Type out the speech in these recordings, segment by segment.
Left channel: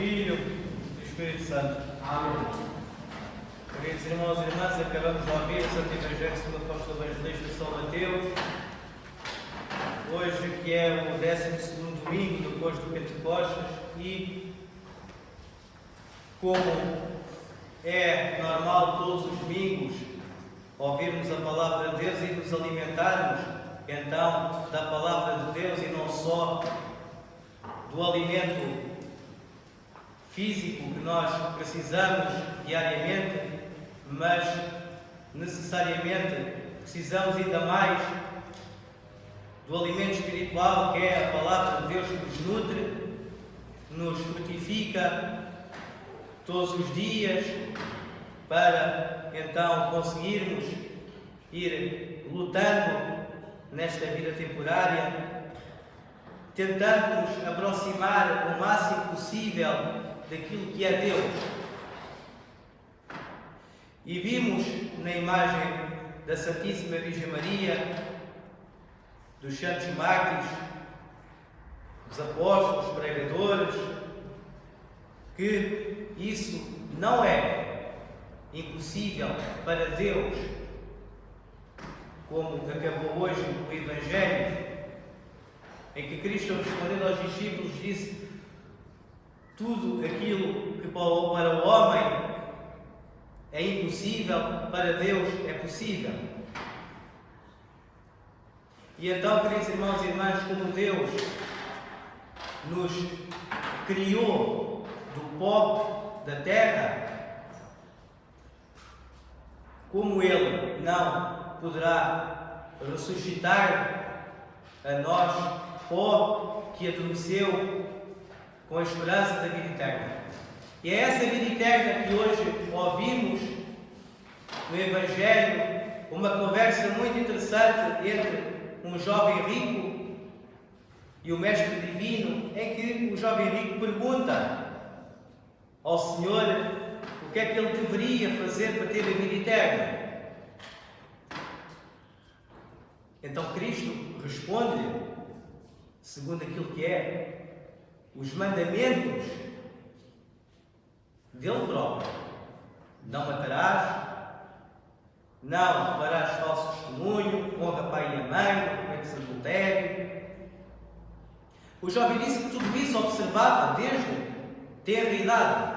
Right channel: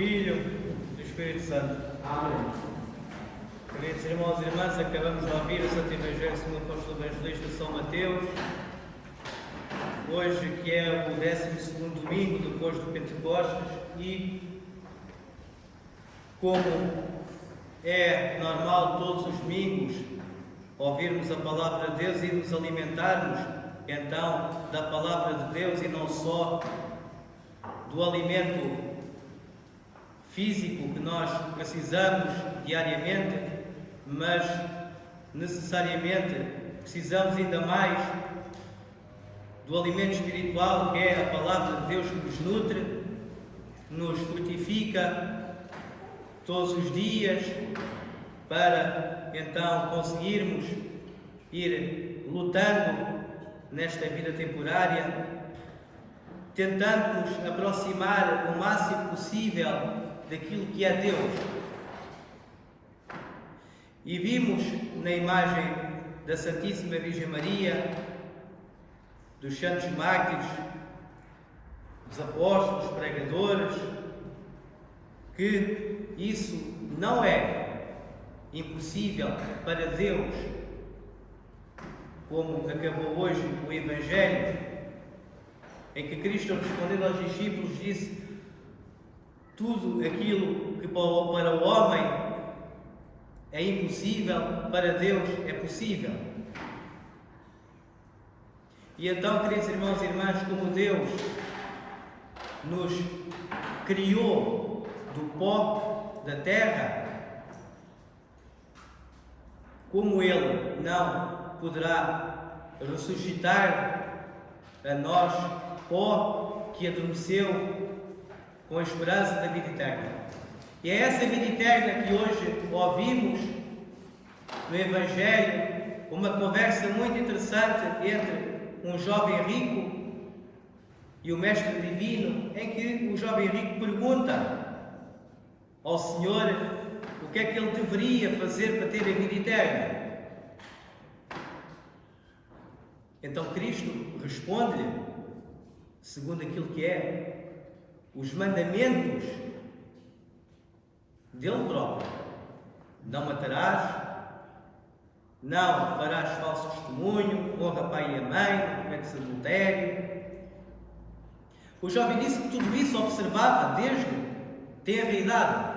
Filho e do Espírito Santo. Amém. Queridos irmãos e irmãs, acabamos de ouvir o Santo Evangelho segundo o Apóstolo Evangelista São Mateus. Hoje, que é o 12º domingo depois do Pentecostes, e como é normal todos os domingos ouvirmos a Palavra de Deus e nos alimentarmos então da Palavra de Deus e não só do alimento físico que nós precisamos diariamente, mas necessariamente precisamos ainda mais do alimento espiritual, que é a Palavra de Deus, que nos nutre, que nos frutifica todos os dias, para então conseguirmos ir lutando nesta vida temporária, tentando nos aproximar o máximo possível daquilo que é Deus. E vimos na imagem da Santíssima Virgem Maria, dos santos mártires, dos apóstolos, dos pregadores, que isso não é impossível para Deus, como acabou hoje o Evangelho, em que Cristo, respondendo aos discípulos, disse: tudo aquilo que para o homem é impossível, para Deus é possível. E então, queridos irmãos e irmãs, como Deus nos criou do pó da terra, como Ele não poderá ressuscitar a nós, pó que adormeceu, com a esperança da vida eterna. E é essa vida eterna que hoje ouvimos no Evangelho, uma conversa muito interessante entre um jovem rico e o Mestre Divino, em que o jovem rico pergunta ao Senhor o que é que ele deveria fazer para ter a vida eterna. Então Cristo responde-lhe, segundo aquilo que é os mandamentos dele próprio: não matarás, não farás falso testemunho, honra pai e mãe, não cometes adultério. O jovem disse que tudo isso observava desde tenra idade.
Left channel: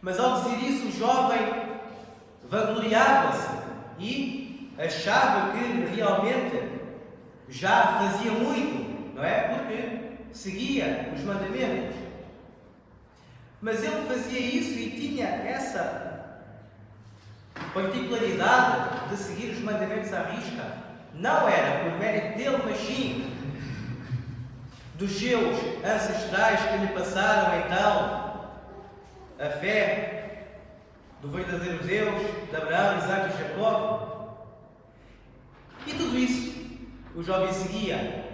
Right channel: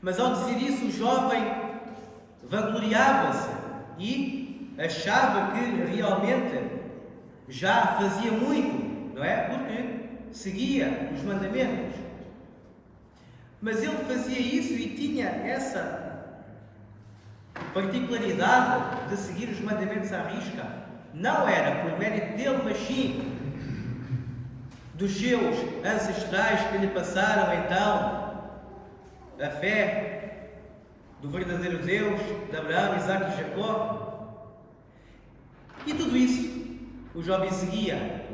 Mas ao dizer isso, o jovem vangloriava-se e achava que realmente já fazia muito, não é? Porque seguia os mandamentos. Mas ele fazia isso e tinha essa particularidade de seguir os mandamentos à risca. Não era por mérito dele, mas sim dos seus ancestrais que lhe passaram então a fé do verdadeiro Deus, de Abraão, Isaque e Jacó. E tudo isso o jovem seguia.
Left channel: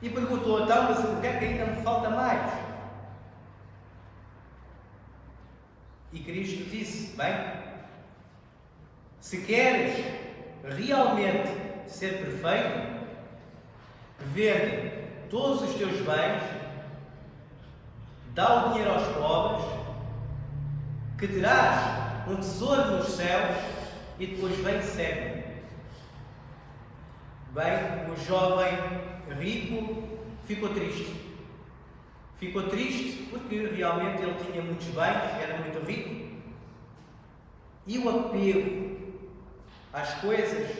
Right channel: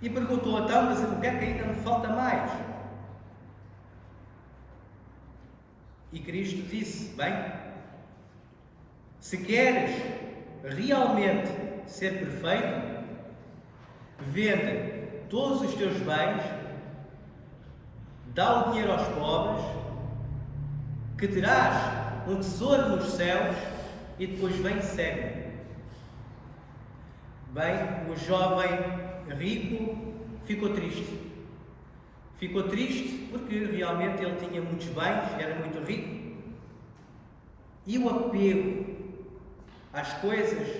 E perguntou: então, mas o que é que ainda me falta mais? E Cristo disse: bem, se queres realmente ser perfeito, vende todos os teus bens, dá o dinheiro aos pobres, que terás um tesouro nos céus, e depois vem e segue-me. Bem, o jovem rico ficou triste. Ficou triste porque realmente ele tinha muitos bens, era muito rico, e o apego às coisas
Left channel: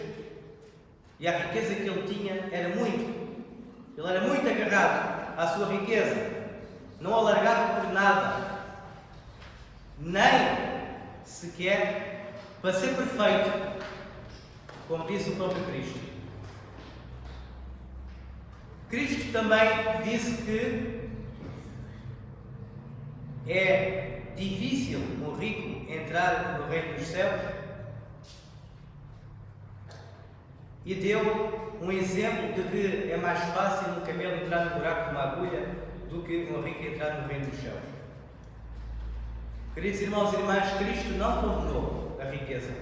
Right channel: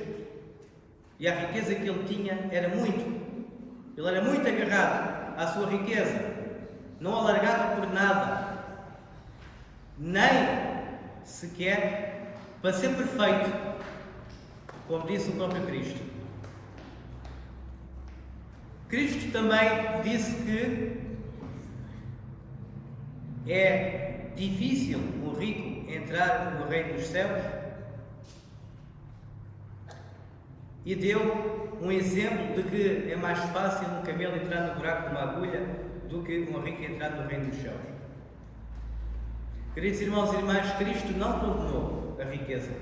e à riqueza que ele tinha era muito. Ele era muito agarrado à sua riqueza, não a largava por nada, nem sequer para ser perfeito, como disse o próprio Cristo. Cristo também disse que é difícil um rico entrar no reino dos céus, e deu um exemplo de que é mais fácil um camelo entrar no buraco de uma agulha do que um rico entrar no reino dos céus. Queridos irmãos e irmãs, Cristo não condenou a riqueza.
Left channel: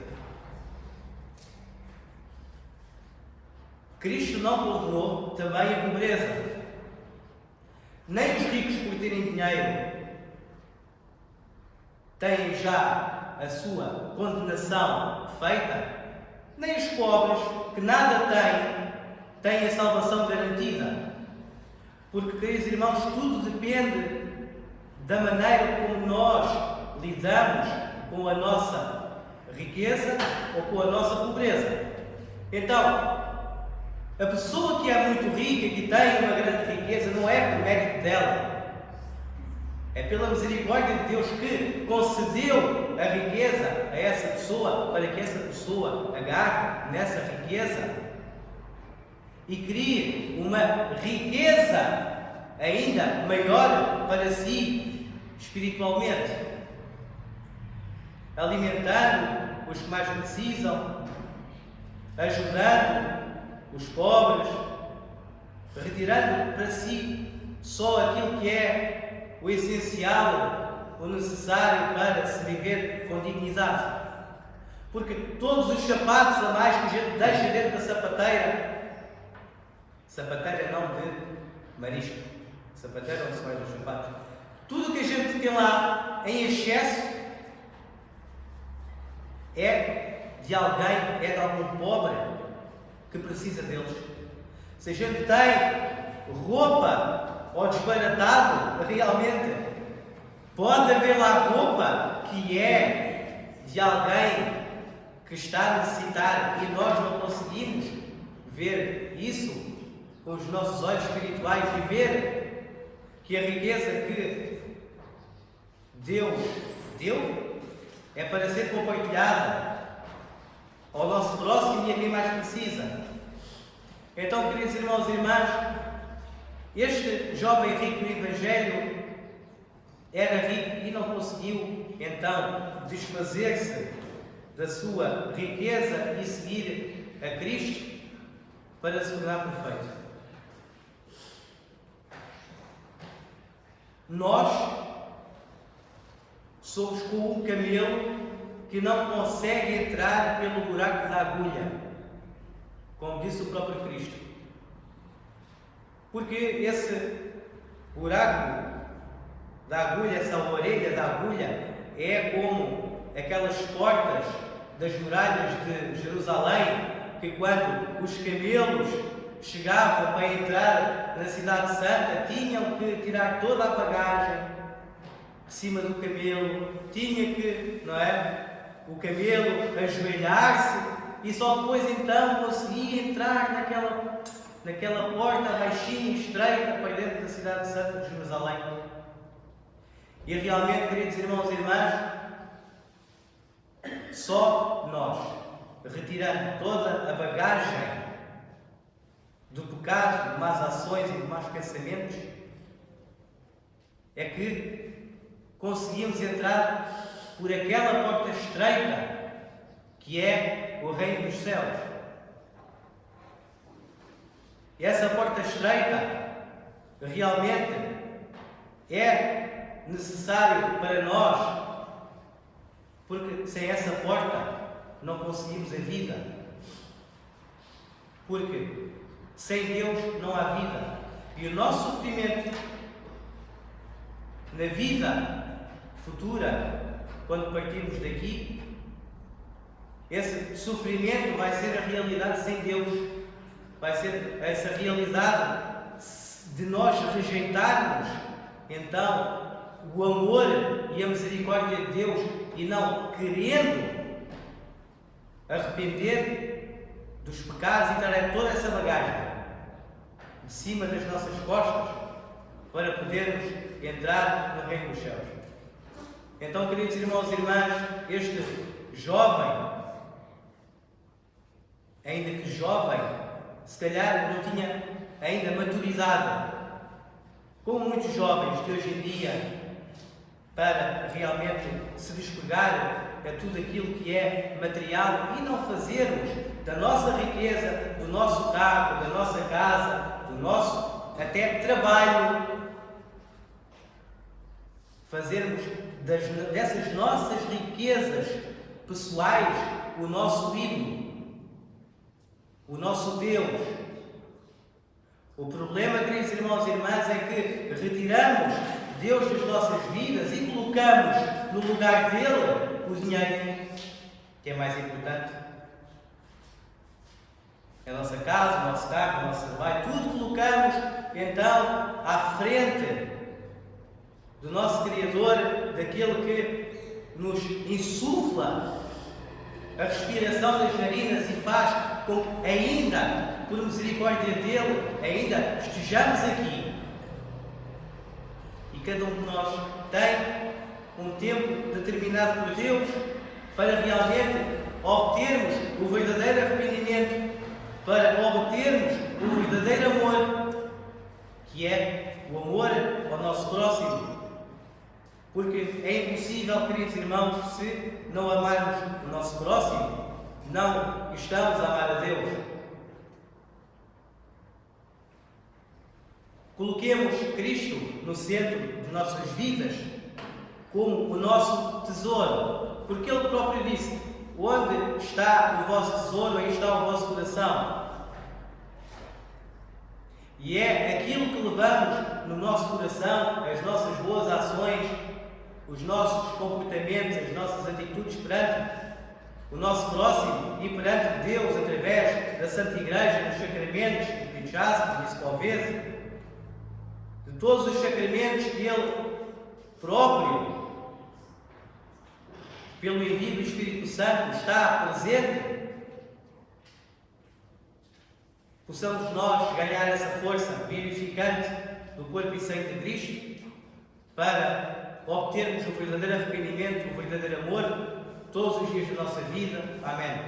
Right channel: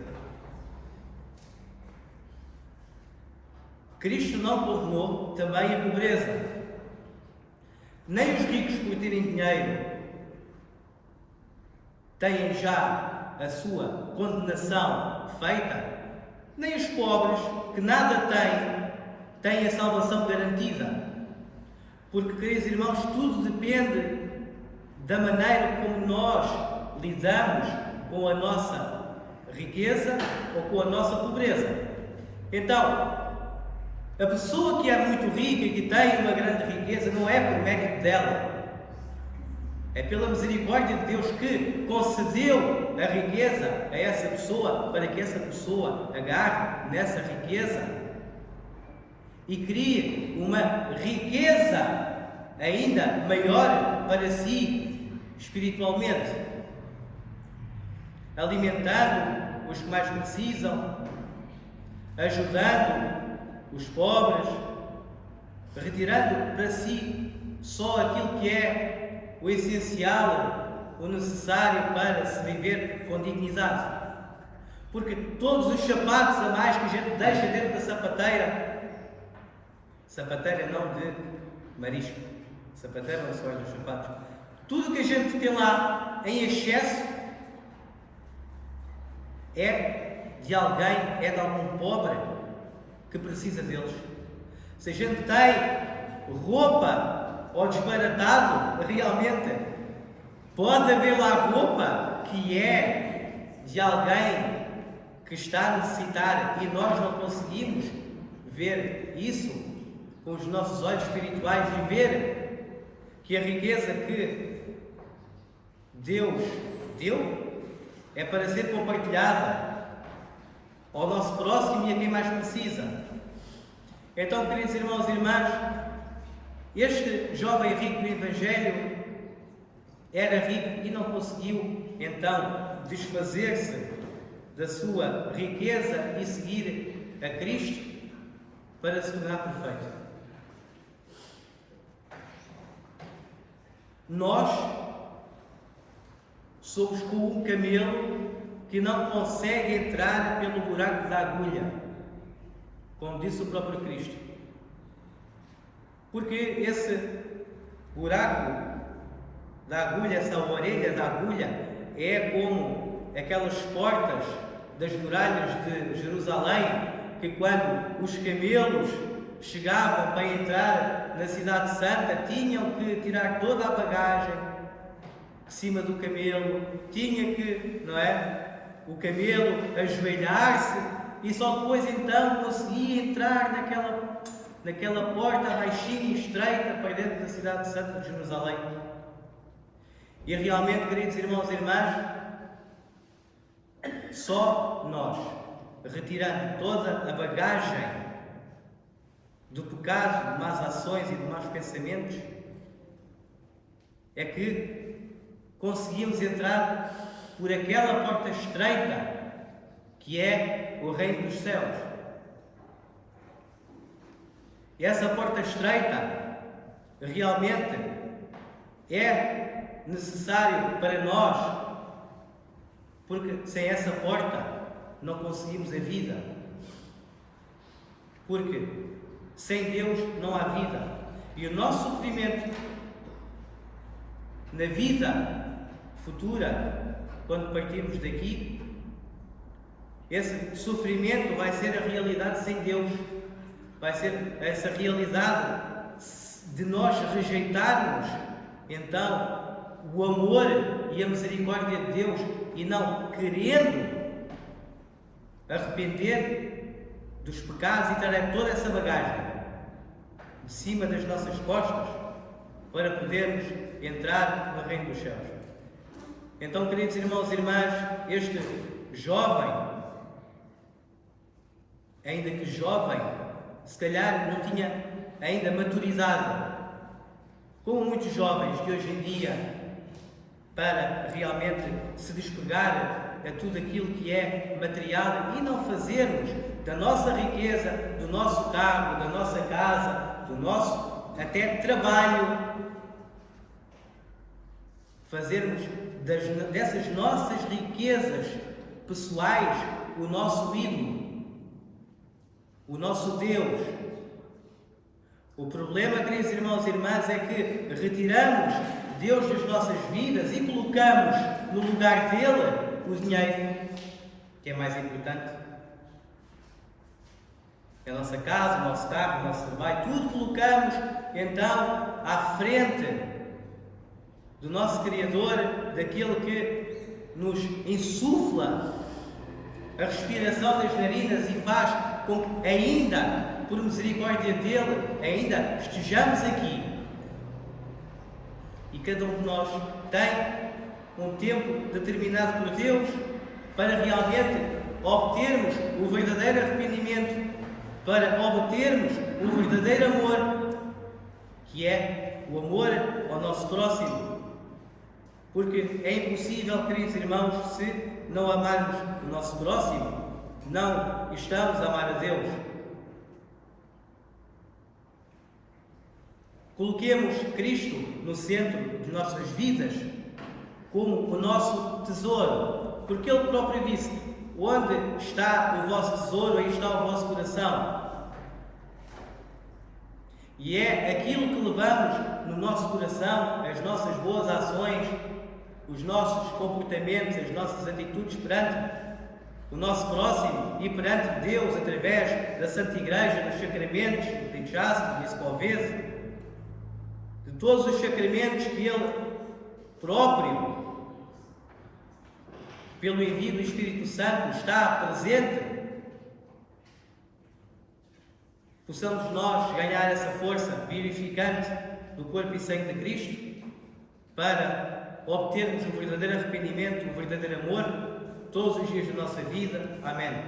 Cristo não condenou também a pobreza. Nem os ricos, por terem dinheiro, têm já a sua condenação feita, nem os pobres, que nada têm a salvação garantida. Porque, queridos irmãos, tudo depende da maneira como nós lidamos com a nossa riqueza ou com a nossa pobreza. Então, a pessoa que é muito rica e que tem uma grande riqueza não é por mérito dela, é pela misericórdia de Deus que concedeu a riqueza a essa pessoa, para que essa pessoa agarre nessa riqueza e crie uma riqueza ainda maior para si espiritualmente, alimentando os que mais precisam, ajudando os pobres, retirando para si só aquilo que é o essencial, o necessário para se viver com dignidade. Porque todos os sapatos a mais que a gente deixa dentro da sapateira não de marisco, sapateira onde se vai dos sapatos, tudo que a gente tem lá em excesso é de alguém, é de algum pobre que precisa deles. Se a gente tem roupa ou desbaratado, realmente pode haver lá roupa que é de alguém que está a necessitar e nós não conseguimos ver isso com os nossos olhos espirituais e ver que a riqueza que Deus deu é para ser compartilhada ao nosso próximo e a quem mais precisa. Então, queridos irmãos e irmãs, este jovem rico no Evangelho era rico e não conseguiu então desfazer-se da sua riqueza e seguir a Cristo para se tornar perfeito. Nós somos como um camelo que não consegue entrar pelo buraco da agulha, como disse o próprio Cristo. Porque esse buraco da agulha, essa orelha da agulha, é como aquelas portas das muralhas de Jerusalém, que quando os camelos chegavam para entrar na Cidade Santa, tinham que tirar toda a bagagem de cima do camelo, tinha que, não é? O camelo ajoelhar-se e só depois então conseguia entrar naquela porta baixinha e estreita para dentro da Cidade Santa de Jerusalém. E realmente, queridos irmãos e irmãs, só nós, retirando toda a bagagem do pecado, de más ações e de maus pensamentos, é que conseguimos entrar por aquela porta estreita que é o reino dos céus. E essa porta estreita realmente é necessário para nós, porque sem essa porta não conseguimos a vida. Porque sem Deus não há vida. E o nosso sofrimento na vida futura, quando partirmos daqui, esse sofrimento vai ser a realidade sem Deus. Vai ser essa realidade de nós rejeitarmos então o amor e a misericórdia de Deus e não querendo arrepender dos pecados e trazer toda essa bagagem de cima das nossas costas para podermos entrar no reino dos céus. Então, queridos irmãos e irmãs, este jovem, ainda que jovem, se calhar não tinha ainda maturidade, como muitos jovens de hoje em dia, para realmente se despegar a tudo aquilo que é material e não fazermos da nossa riqueza, do nosso carro, da nossa casa, do nosso até trabalho, fazermos dessas nossas riquezas pessoais o nosso ídolo, o nosso Deus, O problema, queridos irmãos e irmãs, é que retiramos Deus das nossas vidas e colocamos no lugar dele o dinheiro, que é mais importante. A nossa casa, o nosso carro, o nosso trabalho, tudo colocamos então à frente do nosso Criador, daquele que nos insufla a respiração das narinas e faz com que ainda, por misericórdia dele, ainda estejamos aqui. E cada um de nós tem um tempo determinado por Deus para realmente obtermos o verdadeiro arrependimento, para obtermos o verdadeiro amor, que é o amor ao nosso próximo. Porque é impossível, queridos irmãos, se não amarmos o nosso próximo, não estamos a amar a Deus. Coloquemos Cristo no centro de nossas vidas como o nosso tesouro, porque Ele próprio disse: onde está o vosso tesouro, aí está o vosso coração. E é aquilo que levamos no nosso coração, as nossas boas ações, os nossos comportamentos, as nossas atitudes perante o nosso próximo e perante Deus através da Santa Igreja, dos sacramentos, do Pinchasco, do Escovese, de todos os sacramentos que Ele próprio, pelo envio do Espírito Santo, está presente. Possamos nós ganhar essa força vivificante do corpo e sangue de Cristo para obtermos o verdadeiro arrependimento, o verdadeiro amor, todos os dias da nossa vida. Amém.